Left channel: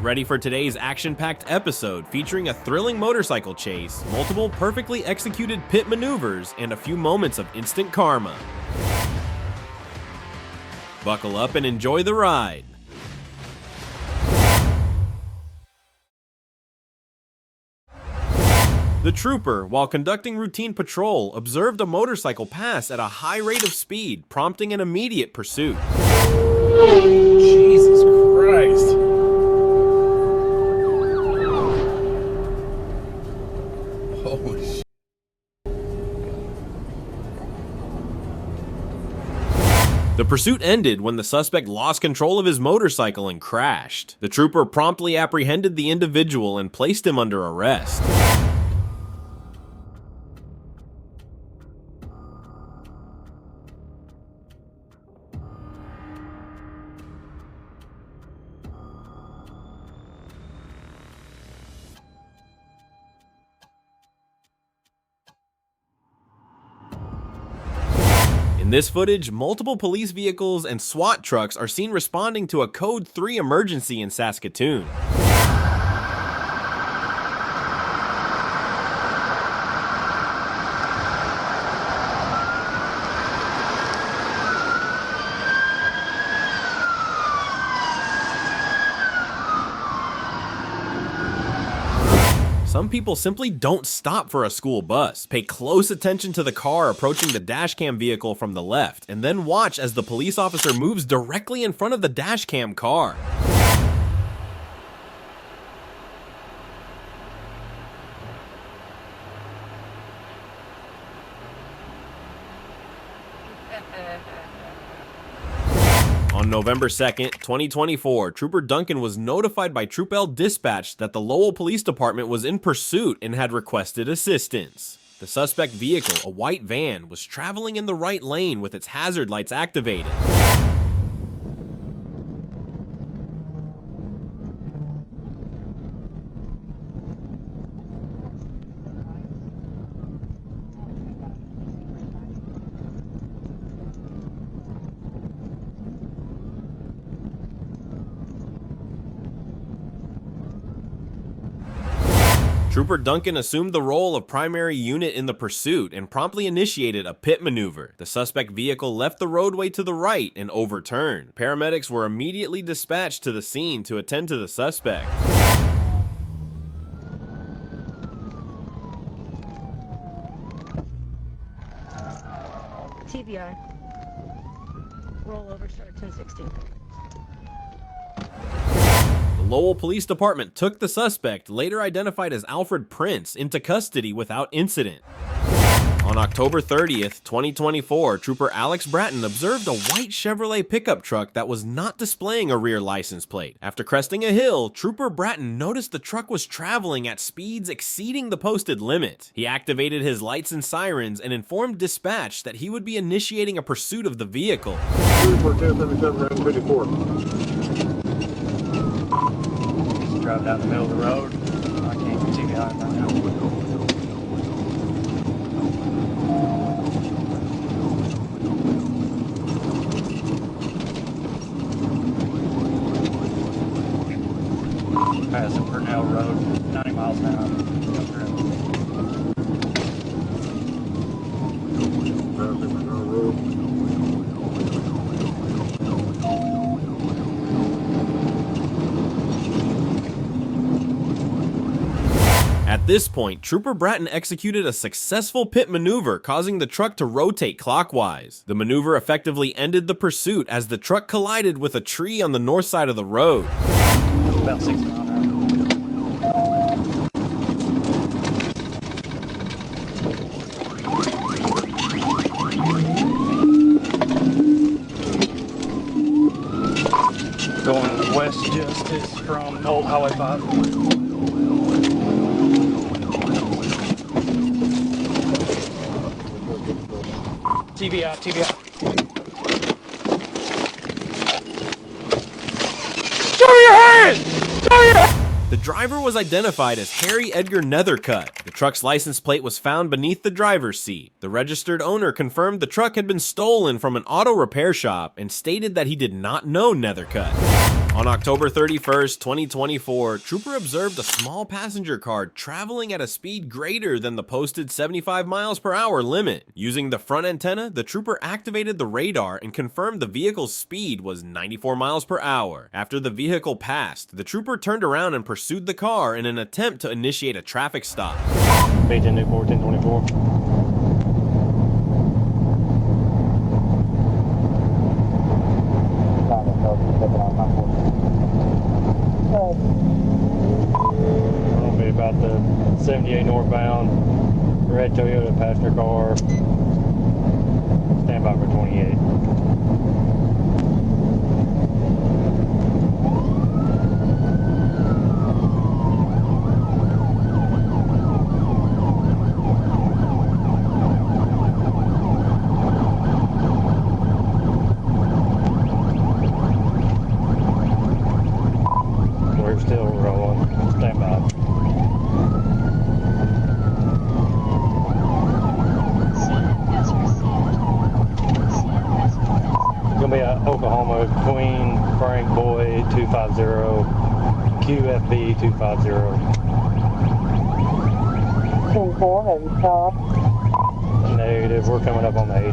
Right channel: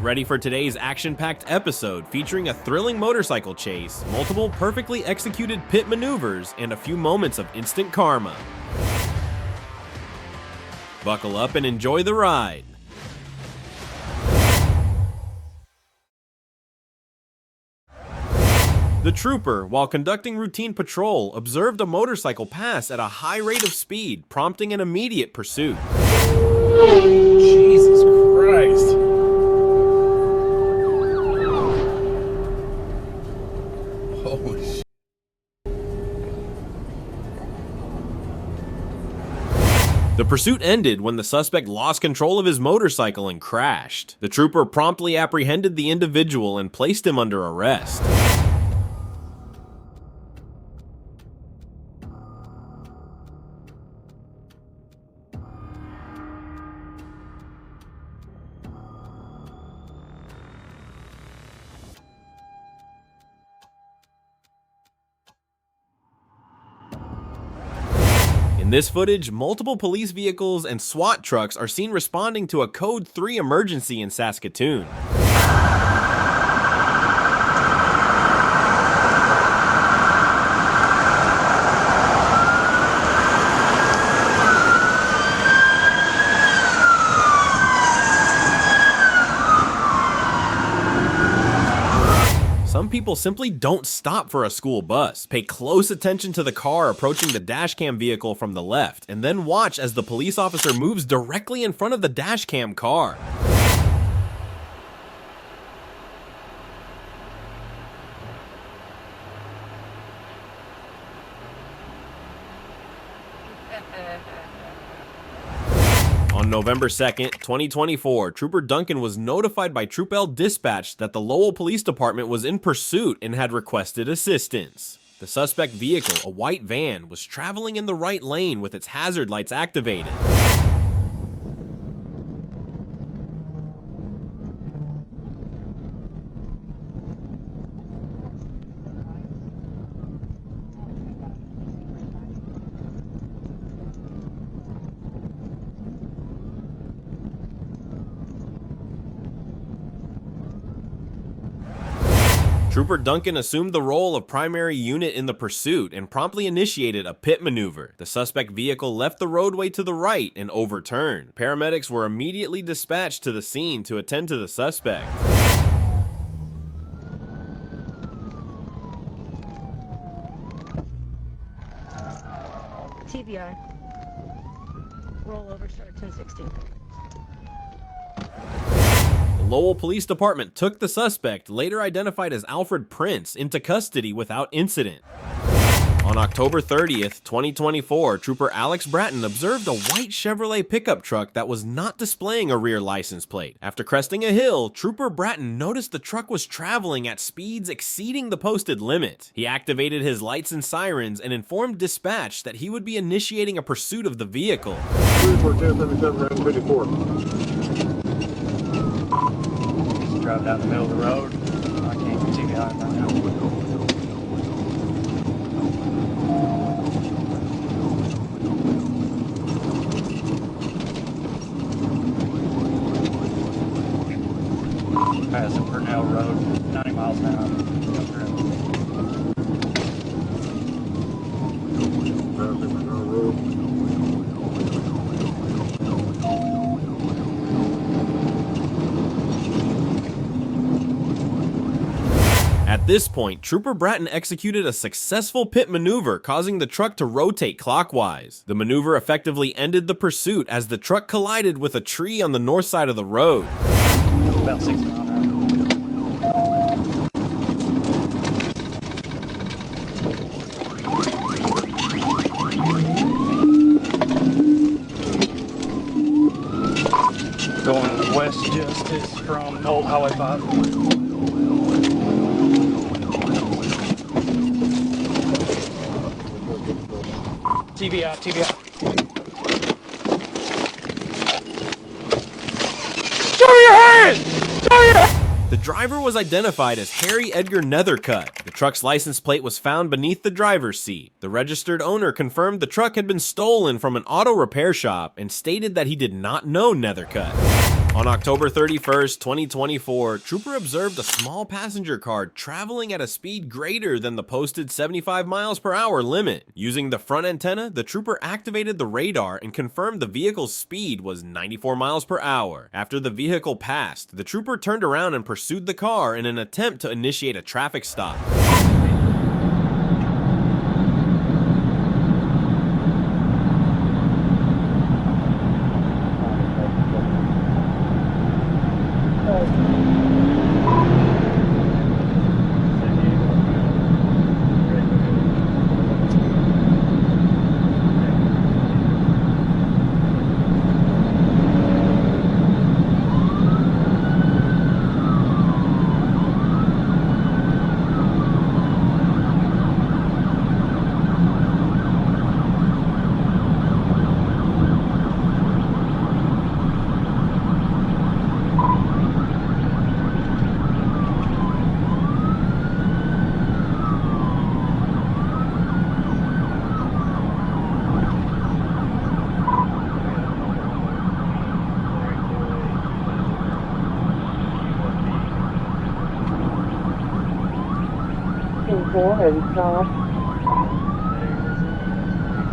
Get ready for today's action-packed episode featuring a thrilling motorcycle chase, multiple perfectly executed pit maneuvers, and a few moments of instant karma. Buckle up and enjoy the ride. The trooper, while conducting routine patrol, observed a motorcycle pass at a high rate of speed, prompting an immediate pursuit. Jesus Christ. Holy shit. The pursuit ended when the suspect lost control of his motorcycle and crashed. The trooper promptly apprehended the individual and placed him under arrest. In this footage, multiple police vehicles and SWAT trucks are seen responding to a Code 3 emergency in Saskatoon. Some people simply don't stop for a school bus. Pay close attention to the car approaching the dashcam vehicle from the left, and then watch as the police officer moves directly in front of the dashcam car. On November 2nd, 2024, Trooper Duncan was notified by Troop L Dispatch that the Lowell Police Department was in pursuit and had requested assistance. The suspect vehicle, a white van, was traveling in the right lane with its hazard lights activated. Trooper Duncan assumed the role of primary unit in the pursuit and promptly initiated a pit maneuver. The suspect vehicle left the roadway to the right and overturned. Paramedics were immediately dispatched to the scene to attend to the suspect. TBI. Rollover start 1016. The Lowell Police Department took the suspect, later identified as Alfred Prince, into custody without incident. On October 30th, 2024, Trooper Alex Bratton observed a white Chevrolet pickup truck that was not displaying a rear license plate. After cresting a hill, Trooper Bratton noticed the truck was traveling at speeds exceeding the posted limit. He activated his lights and sirens and informed dispatch that he would be initiating a pursuit of the vehicle. 1077 Drive down the middle of the road. I can't see behind right now. Passing Purnell Road, 90 miles an hour. At this point, Trooper Bratton executed a successful pit maneuver, causing the truck to rotate clockwise. The maneuver effectively ended the pursuit as the truck collided with a tree on the north side of the road. About 60 miles an hour. Going west Justice from Old Highway 5. TBI. Show your hands! Show your hands! The driver was identified as Harry Edgar Nethercutt. The truck's license plate was found beneath the driver's seat. The registered owner confirmed the truck had been stolen from an auto repair shop and stated that he did not know Nethercutt. On October 31st, 2024, Trooper observed a small passenger car traveling at a speed greater than the posted 75 miles per hour limit. Using the front antenna, the Trooper activated the radar and confirmed the vehicle's speed was 94 miles per hour. After the vehicle passed, the Trooper turned around and pursued the car in an attempt to initiate a traffic stop. Northbound, you're heading to it with passenger car, stand by for 28. We're still rolling, stand by. Oklahoma Queen Frank Boy 250 QFB 250. Negative, we're coming up on the 80.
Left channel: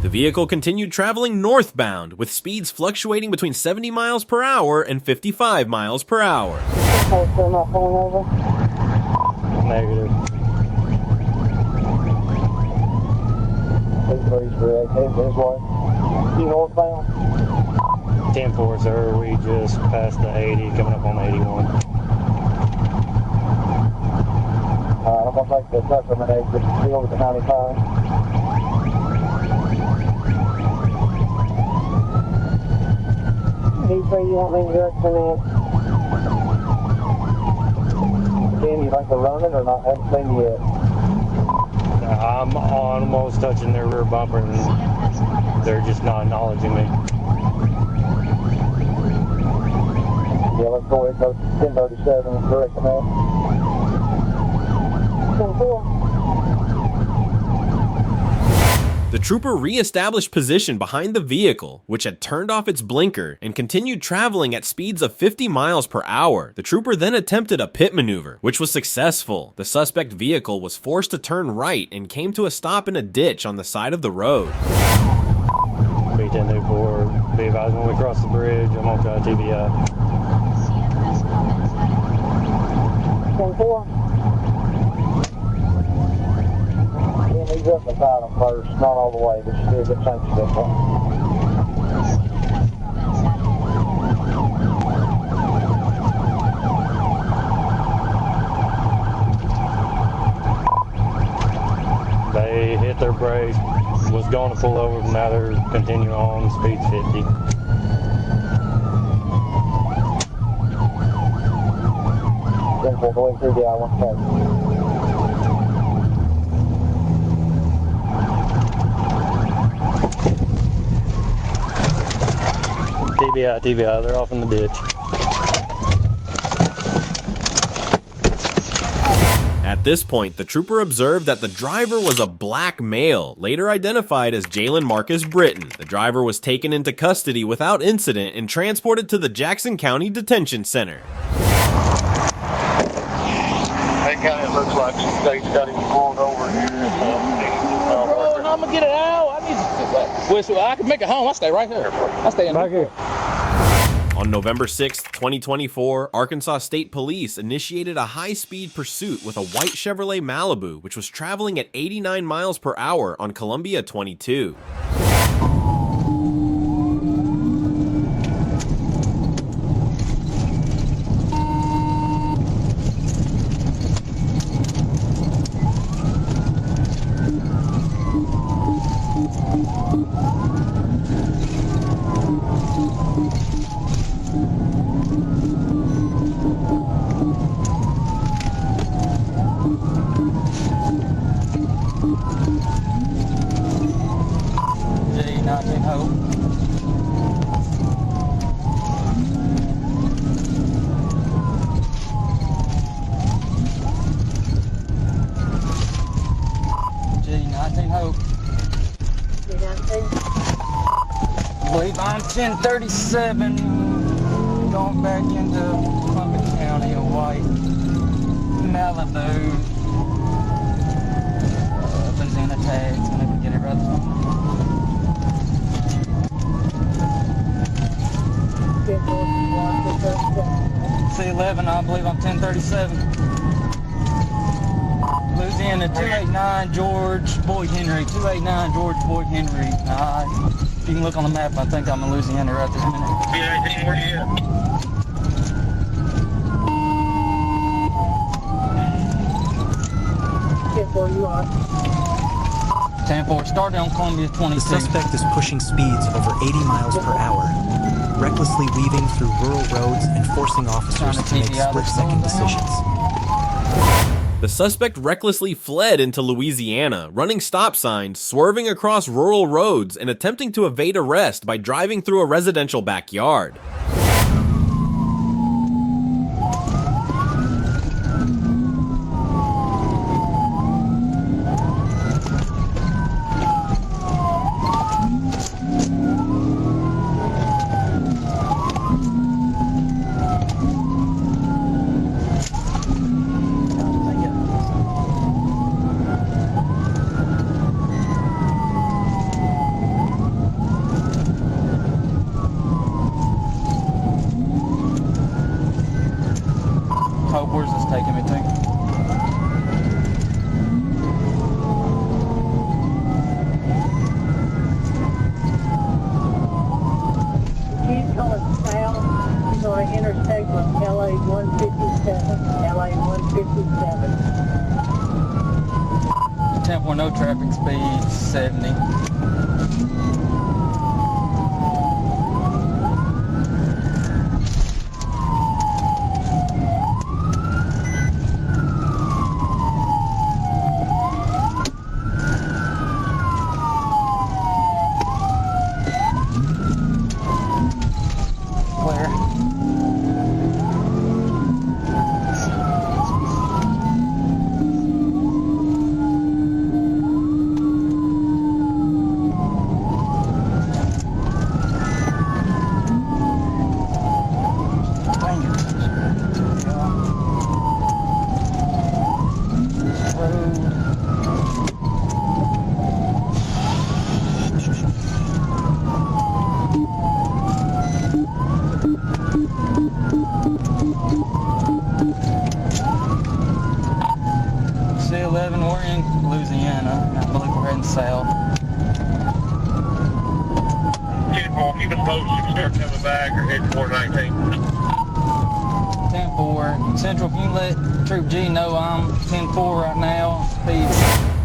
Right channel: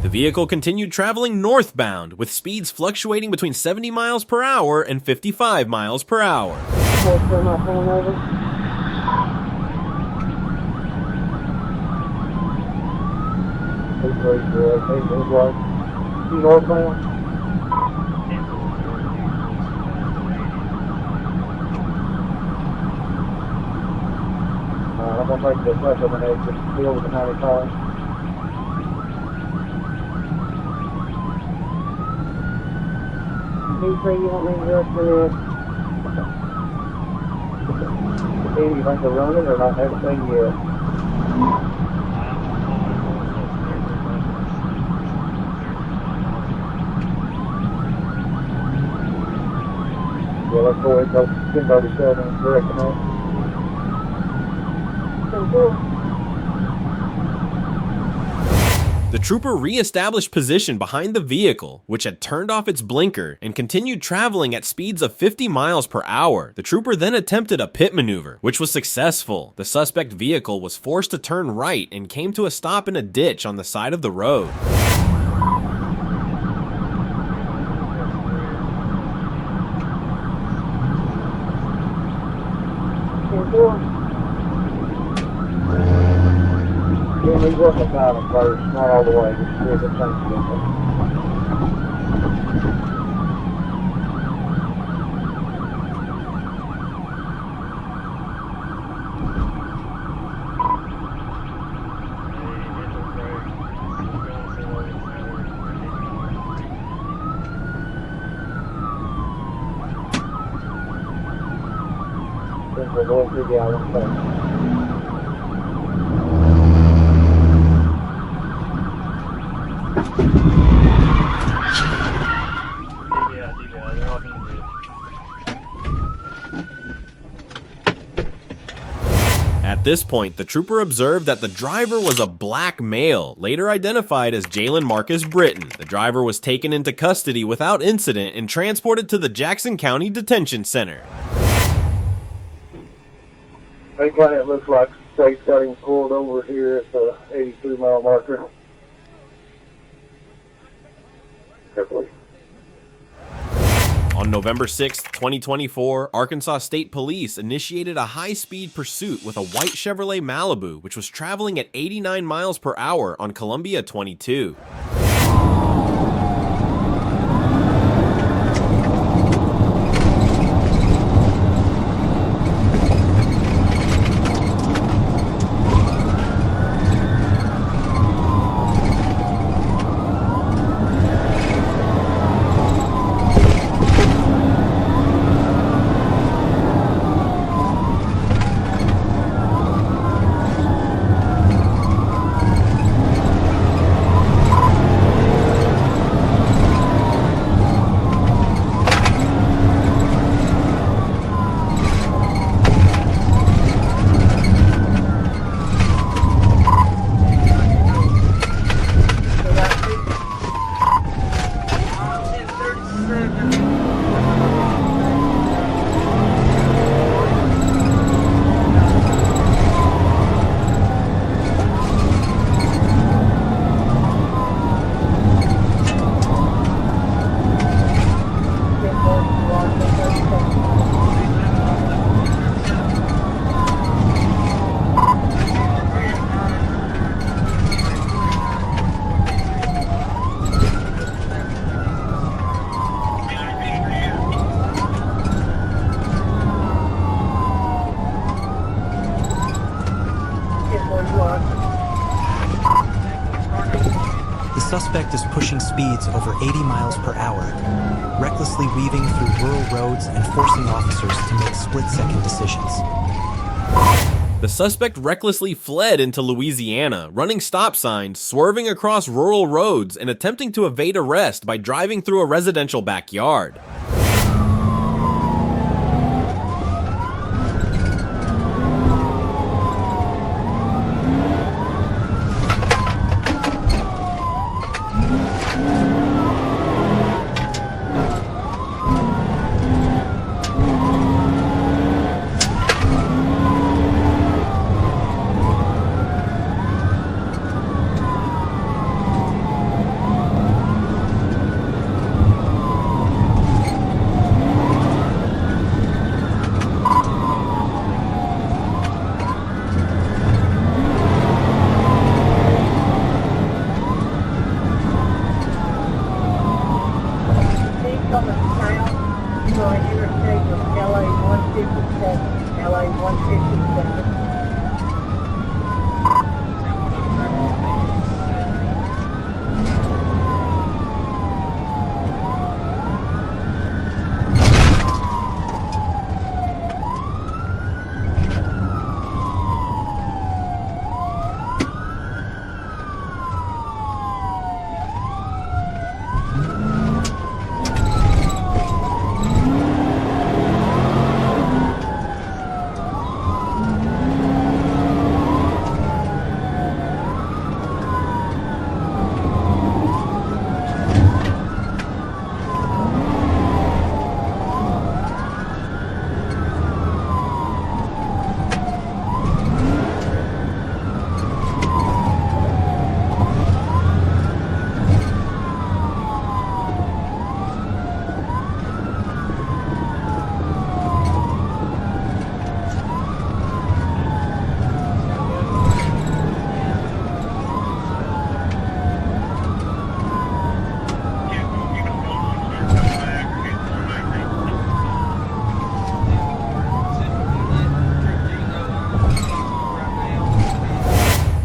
The vehicle continued traveling northbound with speeds fluctuating between 70 miles per hour and 55 miles per hour. Negative. 10-4, sir. We just passed the 80, coming up on 81. I'm almost touching their rear bumper and they're just not acknowledging me. The Trooper re-established position behind the vehicle, which had turned off its blinker, and continued traveling at speeds of 50 miles per hour. The Trooper then attempted a pit maneuver, which was successful. The suspect vehicle was forced to turn right and came to a stop in a ditch on the side of the road. Be advised when we cross the bridge, I'm on to TVL. They hit their brakes, was going to pull over, and now they're continuing on, speed 50. TVI, they're off in the ditch. At this point, the Trooper observed that the driver was a black male, later identified as Jalen Marcus Britton. The driver was taken into custody without incident and transported to the Jackson County Detention Center. I'm gonna get it out. I can make it home. I stay right here. I stay in back here. On November 6, 2024, Arkansas State Police initiated a high-speed pursuit with a white Chevrolet Malibu, which was traveling at 89 miles per hour on Columbia 22. The suspect is pushing speeds over 80 miles per hour, recklessly weaving through rural roads and forcing officers to make split-second decisions. The suspect recklessly fled into Louisiana, running stop signs, swerving across rural roads, and attempting to evade arrest by driving through a residential backyard.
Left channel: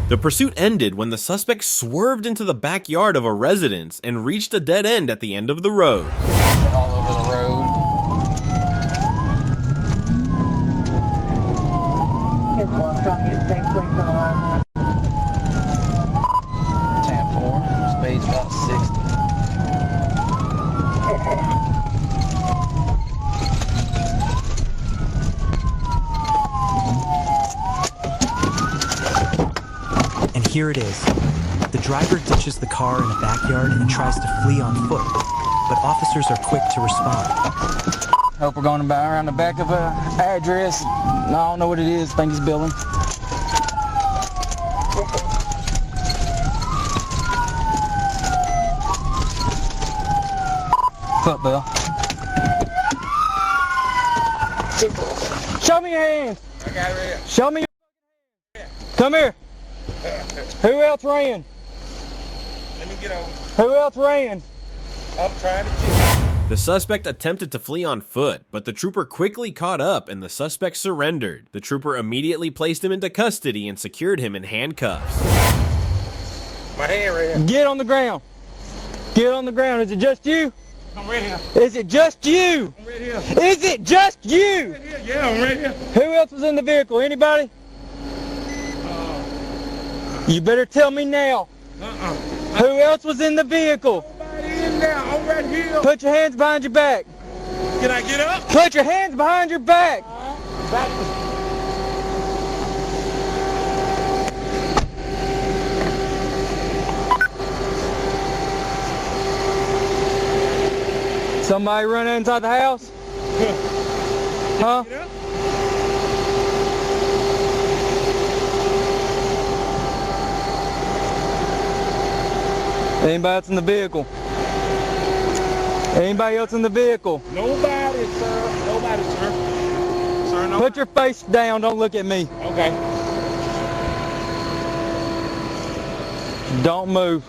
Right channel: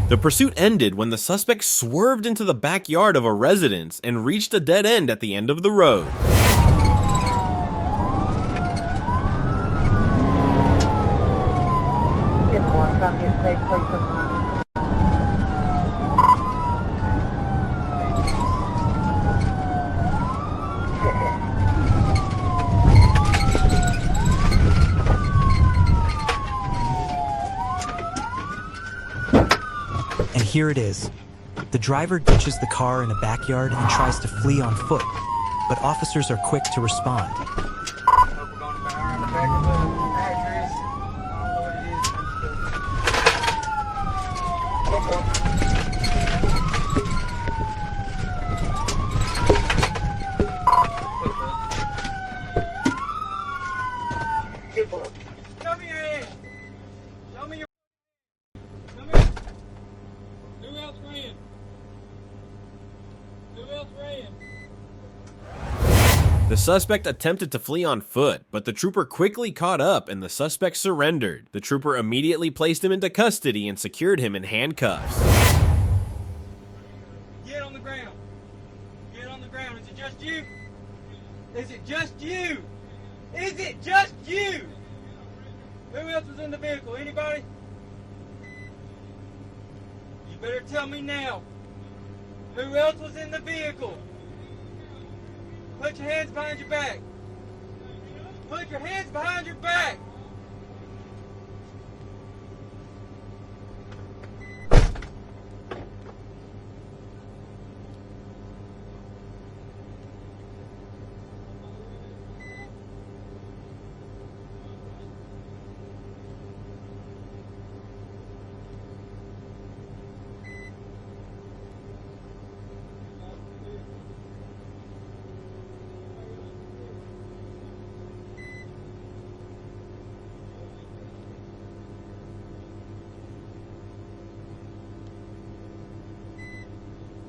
The pursuit ended when the suspect swerved into the backyard of a residence and reached a dead end at the end of the road. And here it is. The driver ditches the car in a backyard and tries to flee on foot, but officers are quick to respond. Hope we're going to buy around the back of a address. I don't know what it is. I think he's building. What's up, Bill? Show me your hands. I got it right here. Show me your hands. Come here. Who else ran? Let me get over. Who else ran? I'm trying to. The suspect attempted to flee on foot, but the trooper quickly caught up and the suspect surrendered. The trooper immediately placed him into custody and secured him in handcuffs. My hand right here. Get on the ground. Get on the ground. Is it just you? I'm right here. Is it just you? I'm right here. Is it just you? Yeah, I'm right here. Who else was in the vehicle? Anybody? You better tell me now. Who else was in the vehicle? Nobody in there. I'm right here. Put your hands behind your back. Can I get up? Put your hands behind your back. Somebody run inside the house? Huh? Get up. Anybody else in the vehicle? Anybody else in the vehicle? Nobody, sir. Nobody, sir. Sir, no. Put your face down, don't look at me. Okay. Don't move.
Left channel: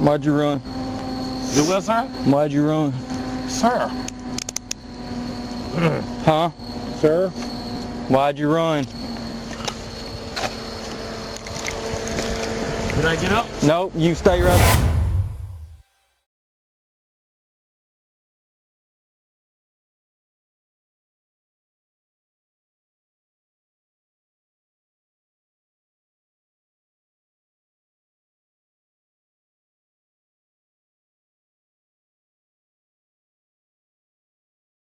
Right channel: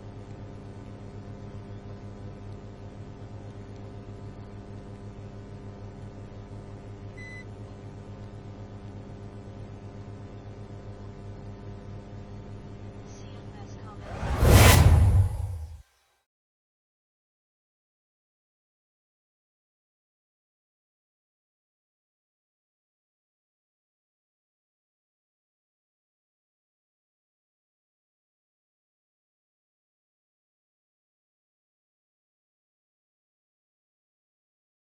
Why'd you run? Do what, sir? Why'd you run? Sir. Huh? Sir. Why'd you run? Can I get up? Nope, you stay right.